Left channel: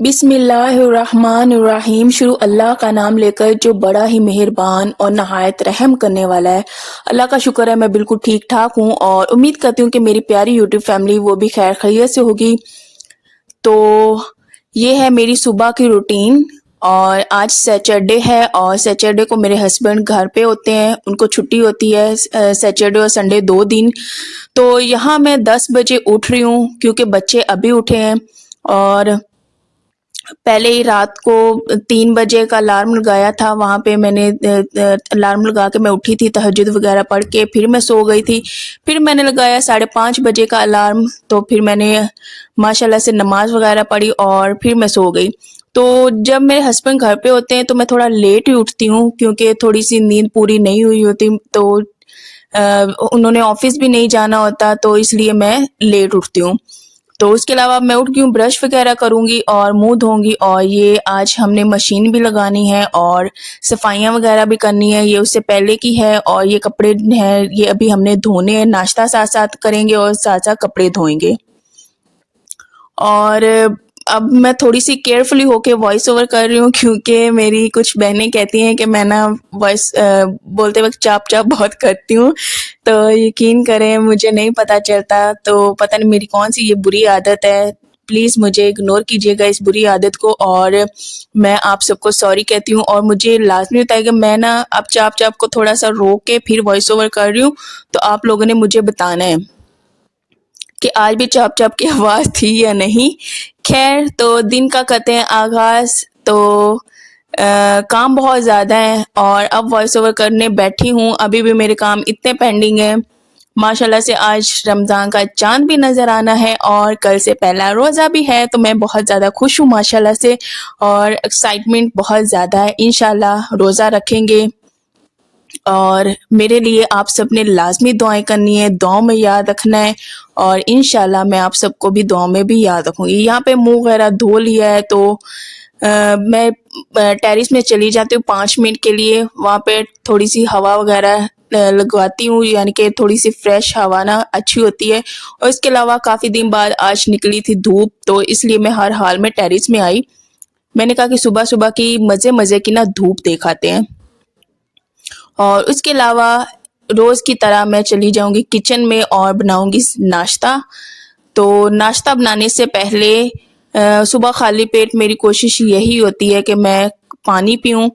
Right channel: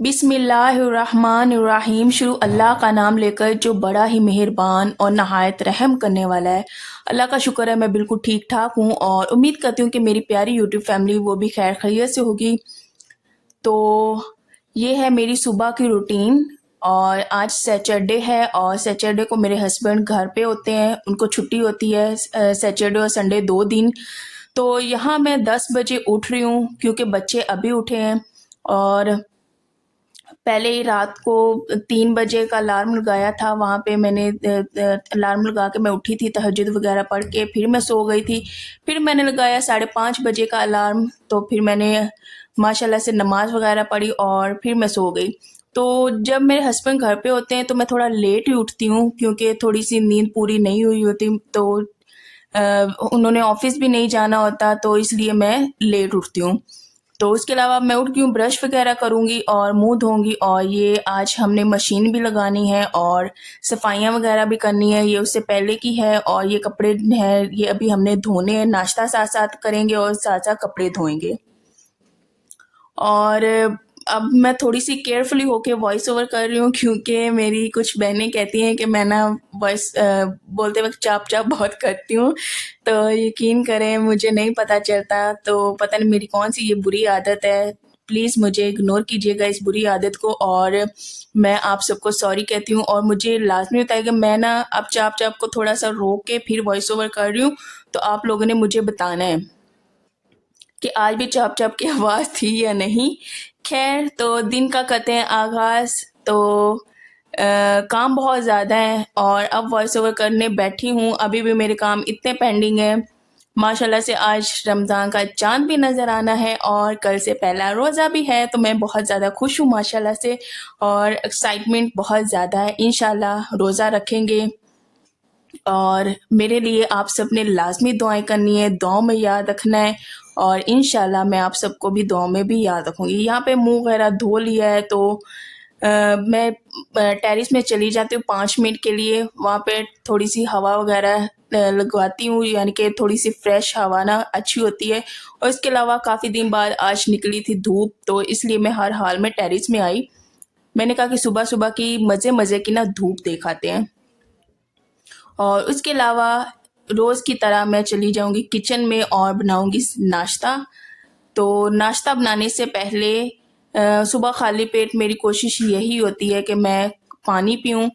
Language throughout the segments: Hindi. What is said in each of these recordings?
बिस्मिल्लाहिर्रहमानिर्रहीम। शुरू अल्लाह का नाम लेकर जो बड़ा ही मेहरबान और नहायत रहम करने वाला है। अल्लाह का शुक्र है मैं बिल्कुल ठीक ठाक हूँ और उम्मीद करती हूँ कि मेरी प्यारी यूट्यूब फैमिली वो भी खैर खैरियत से होगी। तो ये है मेरी सुबह की रूटीन। और आज सैटरडे है और सैटरडे को मेरे हस्बैंड घर पे होते हैं, उनको छुट्टी होती है सैटरडे और संडे 2 दिन। तो यहाँ मैं 10 बजे उठ रही हूँ क्योंकि बच्चे अभी उठे हैं। और पहले ही रात को 3 बजे का अलार्म लगाया था, वहाँ पे मैंने अलार्म लगा के मैं उठी थी, तहज्जुद वगैरह पढ़ के फिर मैं सो गई थी। फिर मैंने लगाया 5:30 बजे का अलार्म, तो फिर मैंने माशाल्लाह से नमाज वगैरह पढ़ी और फिर मैं सो गई। तो जब मेरे हस्बैंड घर पे होते हैं तो मैं थोड़ा लेट ही उठती हूँ क्योंकि थोड़ी सी नींद पूरी नहीं हुई होती, तो उन्होंने ऑफिस भी नहीं जाना होता, तो इसलिए मैं लेट उठती हूँ। तो उसके अलावा मैं उठ गई, ब्रश वगैरह करूँगी और मुँह धोऊँगी। और ये आज हमने मशीन भी लगानी है और सफाइयाँ वगैरह भी करनी है, ये उससे पहले की है। और ये कपड़े हैं, ये अभी हमने धोने हैं, नाश्ता साथ-साथ करेंगे और साथ-साथ कपड़े धोएँगे। और अब मैं थोड़ी-सी केयरफुली होके वॉइस ओवर कर रही हूँ क्योंकि मेरी कुछ बहनें कहती हैं कि मैं ना वॉइस बोलते वक़्त चाप-चाप बहुत करती हूँ। तो यकीन करें मुझे नहीं पता चलता, तो पता नहीं मेरी कौन-सी ये बुरी आदत है। प्लीज़ मुझे इग्नोर कीजिएगा इस बुरी आदत को और मैं आप सबको सॉरी कहती हूँ। और मुझे लाज़मी होता है कि मैं ना अब चाप-चाप को थोड़ा-सा रोक के फिर वॉइस ओवर कर रही हूँ, तो आप लोगों ने मुझे बताना है कि आज भी चाप-चाप की आवाज़ थी या नहीं। ख़ैर, तो दिन का करते हैं आगाज़। तो काम बहुत ज़्यादा है और अब वॉइस ओवर करने बैठी हूँ, अभी भी मेरे काम इतने पेंडिंग हैं। माशाल्लाह से आज रमज़ान का चाँद भी नज़र आना है और कल से पहला रोज़ा भी है, तो मैं बहुत ज़्यादा खुश हूँ माशाल्लाह से और एक्साइटमेंट बहुत ज़्यादा है। इंशाल्लाह रोज़ा रखेंगे और मेरे लिए आप सब ने लाज़मी दुआएँ करनी है, दुआओं में याद रखना है और इंशाल्लाह मैं आप सबको भी दुआओं में भी याद रखूँगी। यहाँ पे मुँह वगैरह धो लिया है, तो मैं टेरेस में चली जाती हूँ 5 मिनट के लिए, वहाँ पे थोड़ी-सी हवा वगैरह लगवाती हूँ, यानी कि थोड़ी-सी फ्रेश हवा ना अच्छी होती है। और इसके अलावा काफ़ी दिन बाद आज निकली थी धूप, तो इसलिए मैं हर हाल में टेरेस में आई। मैंने कहा कि सुबह-सुबह की मज़े-मज़े की ना धूप देख आते हैं। और उसके अलावा रोज़ की तरह मैं चली जाऊँगी किचन में और बनाऊँगी नाश्ता। तो नाश्ता बनाने से पहले सुबह खाली पेट मेरी कोशिश यही होती है कि मैं पानी पीऊँ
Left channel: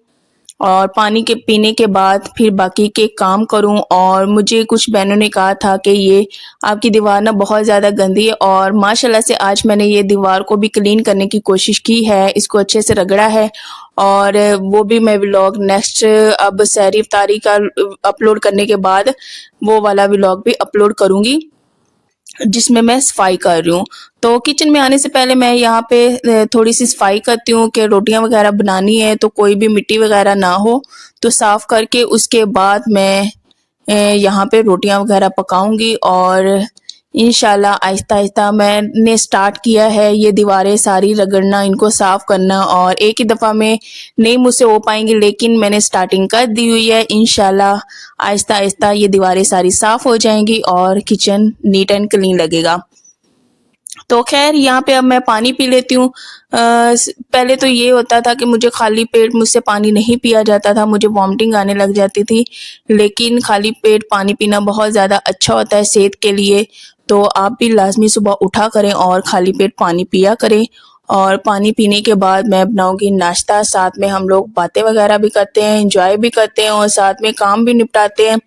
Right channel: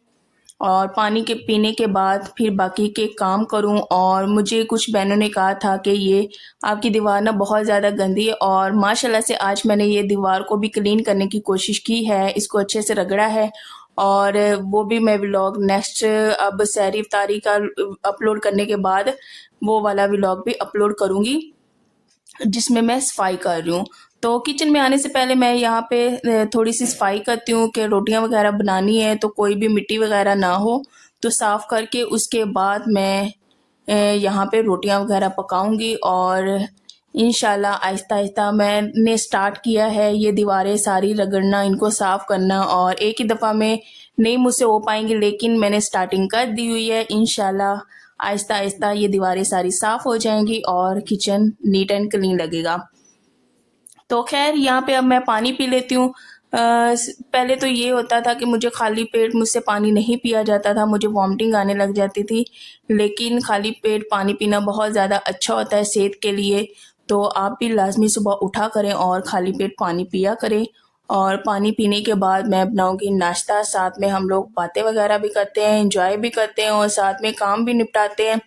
और पानी के पीने के बाद फिर बाकी के काम करूँ। और मुझे कुछ बहनों ने कहा था कि ये आपकी दीवार ना बहुत ज़्यादा गंदी है, और माशाल्लाह से आज मैंने ये दीवार को भी क्लीन करने की कोशिश की है, इसको अच्छे से रगड़ा है। और वो भी मैं व्लॉग नेक्स्ट अब सहरी इफ्तारी का अपलोड करने के बाद वो वाला व्लॉग भी अपलोड करूँगी, जिसमें मैं सफाई कर रही हूँ। तो किचन में आने से पहले मैं यहाँ पे थोड़ी-सी सफाई करती हूँ कि रोटियाँ वगैरह बनानी है तो कोई भी मिट्टी वगैरह ना हो, तो साफ़ करके उसके बाद मैं यहाँ पे रोटियाँ वगैरह पकाऊँगी। और इंशाल्लाह आहिस्ता-आहिस्ता मैंने स्टार्ट किया है ये दीवारें सारी रगड़ना, इनको साफ़ करना, और एक ही दफ़ा में नहीं मुझसे हो पाएँगी, लेकिन मैंने स्टार्टिंग कर दी हुई है। इंशाल्लाह आहिस्ता-आहिस्ता ये दीवारें सारी साफ़ हो जाएँगी और किचन नीट एंड क्लीन लगेगा। तो ख़ैर यहाँ पे अब मैं पानी पी लेती हूँ। पहले तो ये होता था कि मुझे खाली पेट मुझसे पानी नहीं पिया जाता था, मुझे वॉमिटिंग आने लग जाती थी। लेकिन खाली पेट पानी पीना बहुत ज़्यादा अच्छा होता है सेहत के लिए, तो आप भी लाज़मी सुबह उठा करें और खाली पेट पानी पिया करें। और पानी पीने के बाद मैं बनाऊँगी नाश्ता, साथ में हम लोग बातें वगैरह भी करते हैं, एन्जॉय भी करते हैं और साथ में काम भी निपटाते हैं।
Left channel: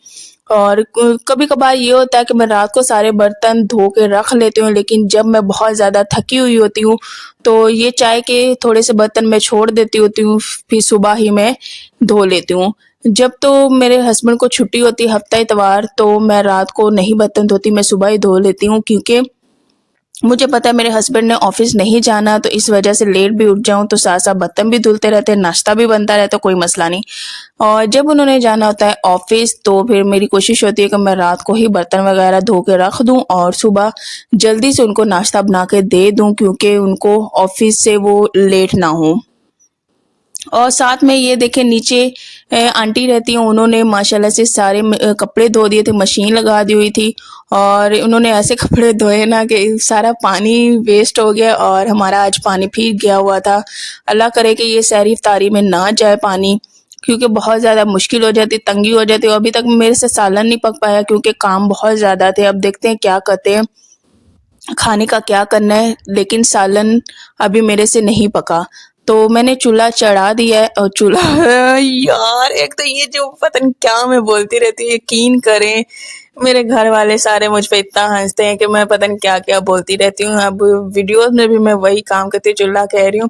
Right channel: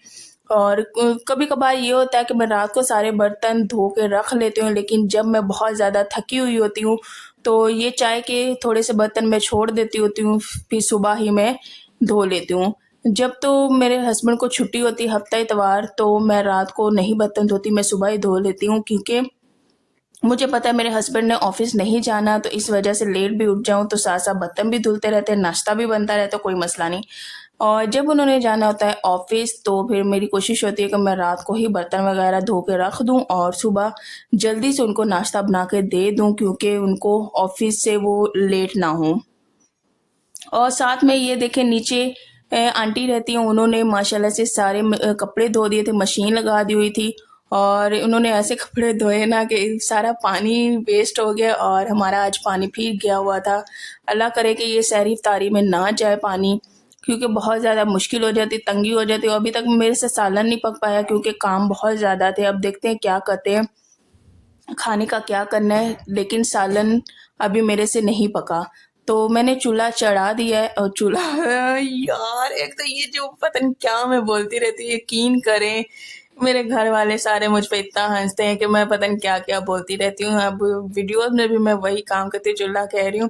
और क कभी-कभार ये होता है कि मैं रात को सारे बर्तन धो के रख लेती हूँ, लेकिन जब मैं बहुत ज़्यादा थकी हुई होती हूँ, तो ये चाय के थोड़े से बर्तन मैं छोड़ देती होती हूँ, फिर सुबह ही मैं धो लेती हूँ। जब तो मेरे हस्बैंड को छुट्टी होती है हफ्ता इतवार, तो मैं रात को नहीं बर्तन धोती, मैं सुबह ही धो लेती हूँ क्योंकि मुझे पता है मेरे हस्बैंड ने ऑफ़िस नहीं जाना, तो इस वज़ह से लेट भी उठ जाऊँ तो साथ-साथ बर्तन भी धुलते रहते हैं, नाश्ता भी बनता रहता है, कोई मसला नहीं। और जब उन्होंने जाना होता है ऑफ़िस, तो फिर मेरी कोशिश होती है कि मैं रात को ही बर्तन वग़ैरह धो के रख दूँ और सुबह जल्दी से उनको नाश्ता बना के दे दूँ, क्योंकि उनको ऑफ़िस से वो लेट ना हों। और साथ में ये देखें नीचे आंटी रहती हैं, उन्होंने माशाल्लाह से सारे कपड़े धो दिए थे, मशीन लगा दी हुई थी। और उन्होंने ऐसे कपड़े धोए ना कि सारा पानी वेस्ट हो गया और हमारा आज पानी फिर गया हुआ था। अल्लाह करे कि ये सहरी इफ्तारी में ना जाए पानी, क्योंकि बहुत ज़्यादा मुश्किल हो जाती, तंगी हो जाती। और अभी तक मेरे से सालन नहीं पक पाया क्योंकि काम बहुत ज़्यादा थे। अब देखते हैं क्या करते हैं, खाने का क्या करना है, लेकिन सालन अभी मेरे से नहीं पका। तो मैंने चूल्हा चढ़ा दिया है और चूल्हा यार एक तो ये जो पता नहीं क्या मैं बोलती रहती हूँ, यकीन करें मेरे घर वाले सारे मुझ पे इतना हंसते हैं कि मैं पता नहीं क्या क्या बोलती रहती हूँ। अब वीडियोस में भी मैं वही काम करती हूँ, चूल्हा कह रही हूँ।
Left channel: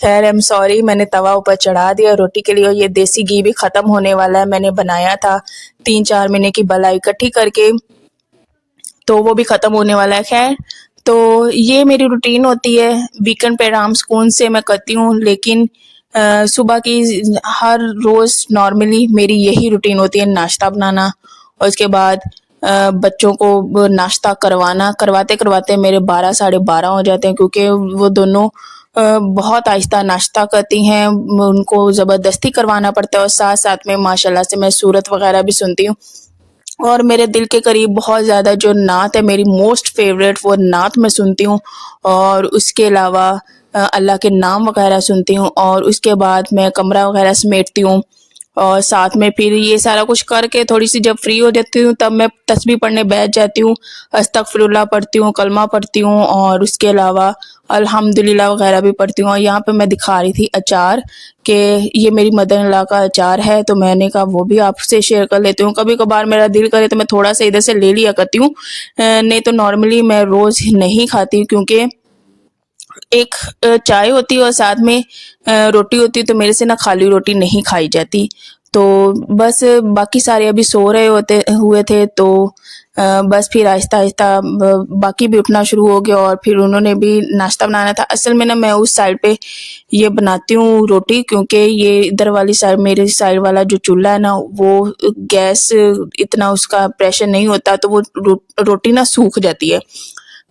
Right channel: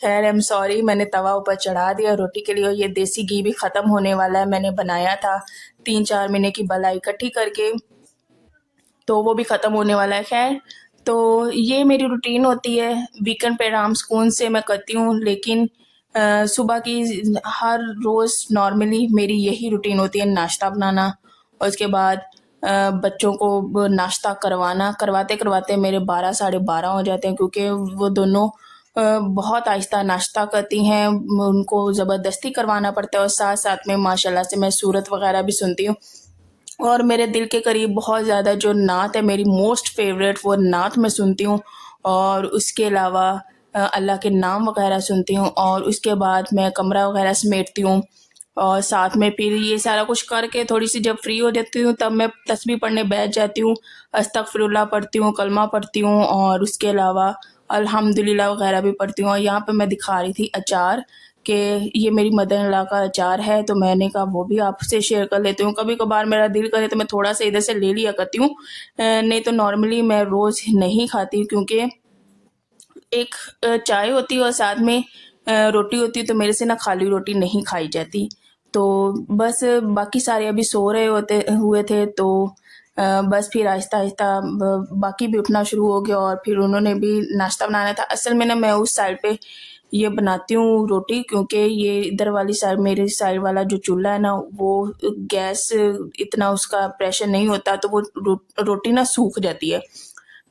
खैर आई एम सॉरी, मैंने तवा ऊपर चढ़ा दिया रोटी के लिए। और ये देसी घी भी खत्म होने वाला है, मैंने बनाया था 3-4 महीने की बलाई इकट्ठी करके, तो वो भी ख़त्म होने वाला है। खैर, तो ये मेरी रूटीन होती है, वीकेंड पे आराम सुकून से मैं करती हूँ। लेकिन सुबह की हर रोज़ नॉर्मली मेरी यही रूटीन होती है, नाश्ता बनाना और उसके बाद बच्चों को नाश्ता करवाना। करवाते-करवाते मेरे 12 साढ़े 12 हो जाते हैं, क्योंकि वो दोनों बहुत आहिस्ता नाश्ता करती हैं, उनको ज़बरदस्ती करवाना पड़ता है। और साथ-साथ में माशाल्लाह से मैं सूरत वग़ैरह भी सुनती हूँ। और मेरे दिल के करीब बहुत ज़्यादा जो नात है, मेरी मोस्ट फ़ेवरेट वो नात मैं सुनती हूँ। और उसके अलावा अल्लाह के नाम वग़ैरह सुनती हूँ और उसके बाद मैं कमरा वग़ैरह समेटती हूँ। और साथ में फिर ये सारा कुछ करके थोड़ी-सी जब फ्री हो जाती हूँ, तब मैं तस्बीह पढ़ने बैठ जाती हूँ। अस्तगफिरुल्लाह पढ़ती हूँ, कलमा पढ़ती हूँ और उसके अलावा अल्हम्दुलिल्लाह वग़ैरह भी पढ़ती हूँ। और यहाँ पे मैं दिखा रही थी अचार, कि ये मेरी मदर इन लॉ का अचार है, तो मैंने कहा वो भी आपसे शेयर कर लेती हूँ। कभी-कभार मेरा दिल करे तो मैं थोड़ा-सा इधर से ले लिया करती हूँ। नहीं तो नॉर्मली मैं रोज़ नहीं खाती, क्योंकि एक चाय होती है और साथ में रोटी होती है, तो मेरे से ना खाली रोटी नहीं खाई जाती। तो बस बाकी सारे अभी सो रहे होते हुए थे, तो बस फिर आहिस्ता-आहिस्ता बाकी भी उठना शुरू हो गए और फिर उन्होंने भी नाश्ता बनाना था। असल में ना मैं उस साइड पे ये बनाती हूँ रोटी, क्योंकि ये इधर वाली साइड, मेरी साइड वाला जो चूल्हा है ना, वो गैस इतना उसका प्रेशर नहीं होता, तो वो रोटी ना सूख जाती है।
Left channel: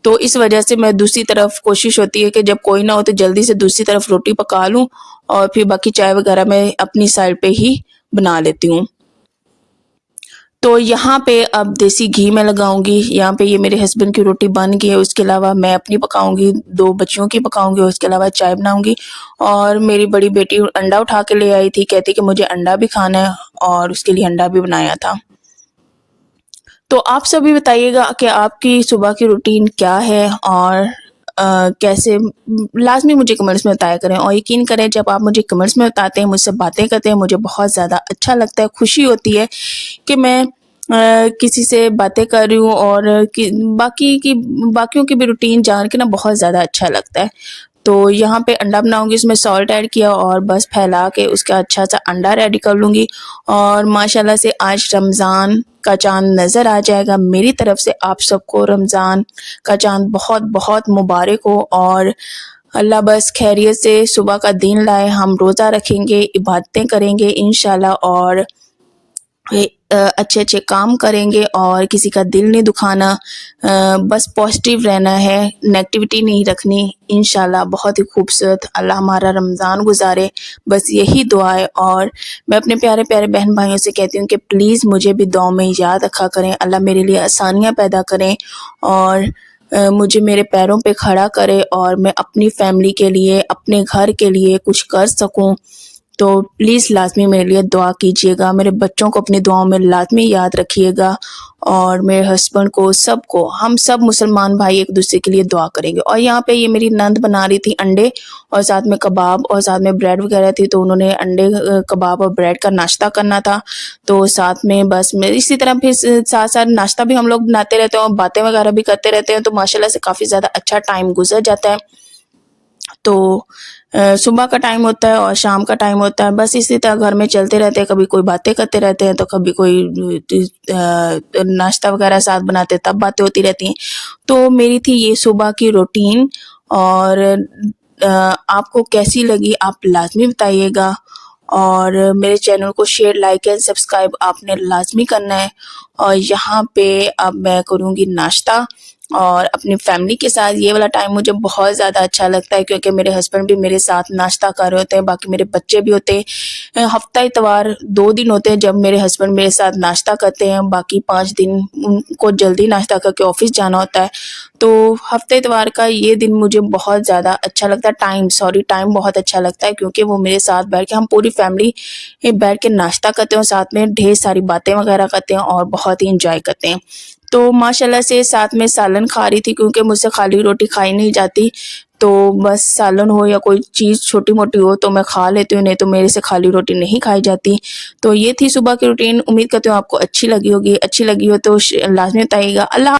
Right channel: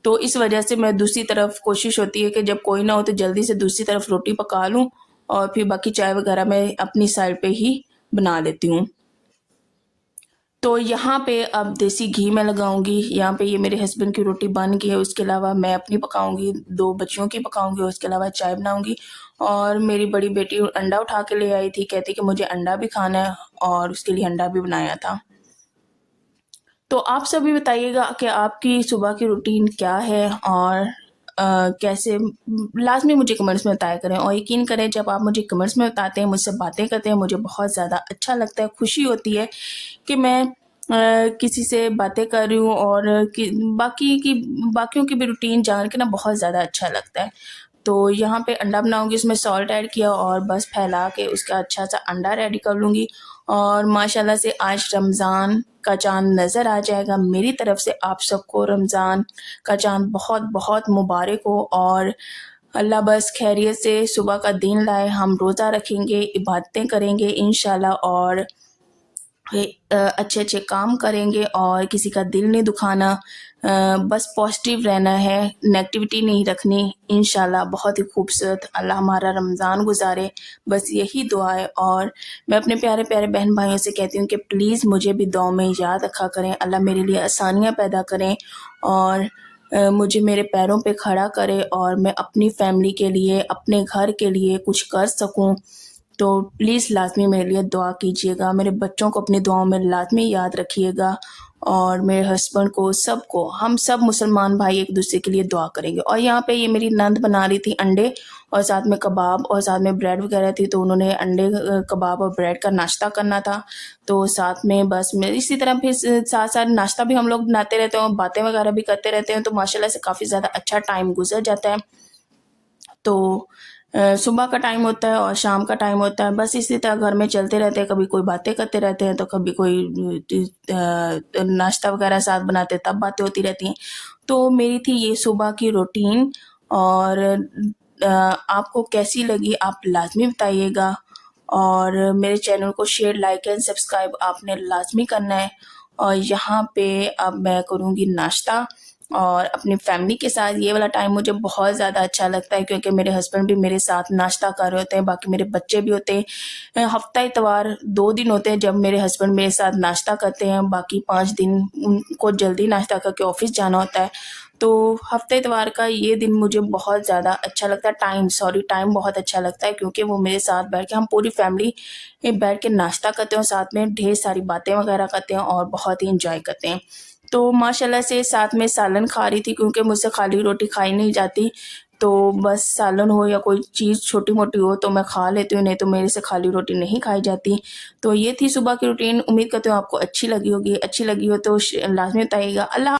तो इस वजह से मैं दूसरी तरफ कोशिश होती है कि जब कोई ना हो तो जल्दी से दूसरी तरफ रोटी पका लूँ और फिर बाकी चाय वगैरह मैं अपनी साइड पे ही बना लेती हूँ। तो यहाँ पे अब देसी घी मैं लगाऊँगी, यहाँ पे ये मेरे हस्बैंड की रोटी बन गई है, उसके अलावा मैं अपनी पकाऊँगी, 2 बच्चियों की पकाऊँगी और उसके अलावा चाय बनाऊँगी। और मेरी बड़ी बेटी अंडा उठा के ले आई थी, कहती कि मुझे अंडा भी खाना है, और उसके लिए अंडा भी बनाया था। तो आप सभी बताइएगा कि आपकी सुबह की रूटीन क्या है और कैसे, लाज़मी मुझे कमेंट्स में बताया करें। और यकीन करें, जब आप मुझे कमेंट्स में बताते हैं, मुझसे बातें करते हैं, मुझे बहुत ज़्यादा अच्छा लगता है, खुशी होती है कि मैं किसी से बातें कर रही हूँ। और कि बाकियों की भी रूटीन जान के ना बहुत ज़्यादा अच्छा लगता है। तो यहाँ पे अंडा बनाऊँगी, उसमें सॉल्ट ऐड किया और बस फैला के उसका अच्छा-सा अंडा रेडी कर लूँगी। और माशाल्लाह से आज रमज़ान का चाँद नज़र आ जाएगा। मेरी तरफ से आप सबको रमज़ान का चाँद बहुत-बहुत मुबारक हो, और अल्लाह बस खैरियत से सुबह का दिन लाए। हम रोज़ा रखेंगे, इबादतें करेंगे इंशाल्लाह, और अच्छे-अच्छे काम करेंगे और किसी का दिल नहीं दुखाना। बस पॉज़िटिव रहना है, नेगेटिविटी नहीं रखनी। इंशाल्लाह बहुत ही खूबसूरत अल्लाह हमारा रमज़ान गुज़ारे, बस यही दुआ है। और मैं अपने प्यारे-प्यारे बहन-भाइयों से कहती हूँ कि प्लीज़ मुझे भी दुआओं में याद रखा करें। अल्लाह मेरे लिए आसानियाँ पैदा करें और मुझे मेरे पैरों पे खड़ा करे और मैं अपनी फ़ैमिली के लिए, अपने घर के लिए कुछ कर सकूँ। तो प्लीज़ लाज़मी मेरे लिए दुआ कीजिएगा, मेरे बच्चों को अपनी दुआओं में लाज़मी याद रखिएगा, और मेरे हस्बैंड को, सबको, हम सब मुसलमान भाई एक-दूसरे के लिए दुआ करेंगे। और यहाँ पे ये मेरी नंद बना रही थी अंडे और साथ में कबाब और साथ में ब्रेड वग़ैरह थी, तो उन्होंने अंडे कबाब और ब्रेड का नाश्ता करना था। तो साथ में बस मैं इसी तरह फिर साथ-साथ नाश्ता भी हम लोग बनाते रहते हैं और बातें वग़ैरह भी करते रहते हैं, तो माशाल्लाह से काफ़ी ज़्यादा अच्छा टाइम गुज़र जाता है। तो सुबह का टाइम होता है और शाम का टाइम होता है, बस इसी तरह घर में चलते रहते हैं, कभी कोई बातें करते रहते हैं, तो कभी कोई नाश्ता वगैरह साथ बनाते हैं, तब बातें होती रहती हैं। तो मेरी थी ये सुबह की रूटीन। और आपको कैसी लगी आप लाज़मी बताइएगा, और मेरे चैनल को शेयर, लाइक एंड सब्सक्राइब आपने लाज़मी करना है। और यहाँ पे अब मैं करूँगी नाश्ता, और अपनी फैमिली के साथ ये वाला टाइम मुझे बहुत ज़्यादा अच्छा लगता है, क्योंकि मेरे हस्बैंड भी मेरे साथ नाश्ता कर रहे होते हैं, बाकी मेरे बच्चे भी होते हैं। हफ्ता इतवार 2 दिन होते हैं जब मेरे हस्बैंड मेरे साथ नाश्ता करते हैं, बाकी 5 दिन उनको जल्दी नाश्ता करके ऑफ़िस जाना होता है। तो हफ्ते इतवार का ये दिन मुझे बहुत ज़्यादा अच्छा लगता है, टाइम बहुत अच्छा लगता है, क्योंकि वो मेरे साथ बैठ के हम पूरी फैमिली बैठ के नाश्ता करते हैं और साथ में ढेर सारी बातें वगैरह करते हैं और बहुत ही एन्जॉय करते हैं। तो माशाल्लाह से साथ में सालन खा रही थी, क्योंकि मुझसे खाली रोटी खाई नहीं जाती, तो बस सालन हो या कोई चीज़ छोटी-मोटी हो तो मैं खा लेती हूँ, नहीं तो मेरे से खाली रोटी नहीं खाई जाती। तो ये थी सुबह की रूटीन, उम्मीद करती हूँ आपको अच्छी लगी होगी, अच्छी लगी हो तो लाज़मी बताइएगा। अल्लाह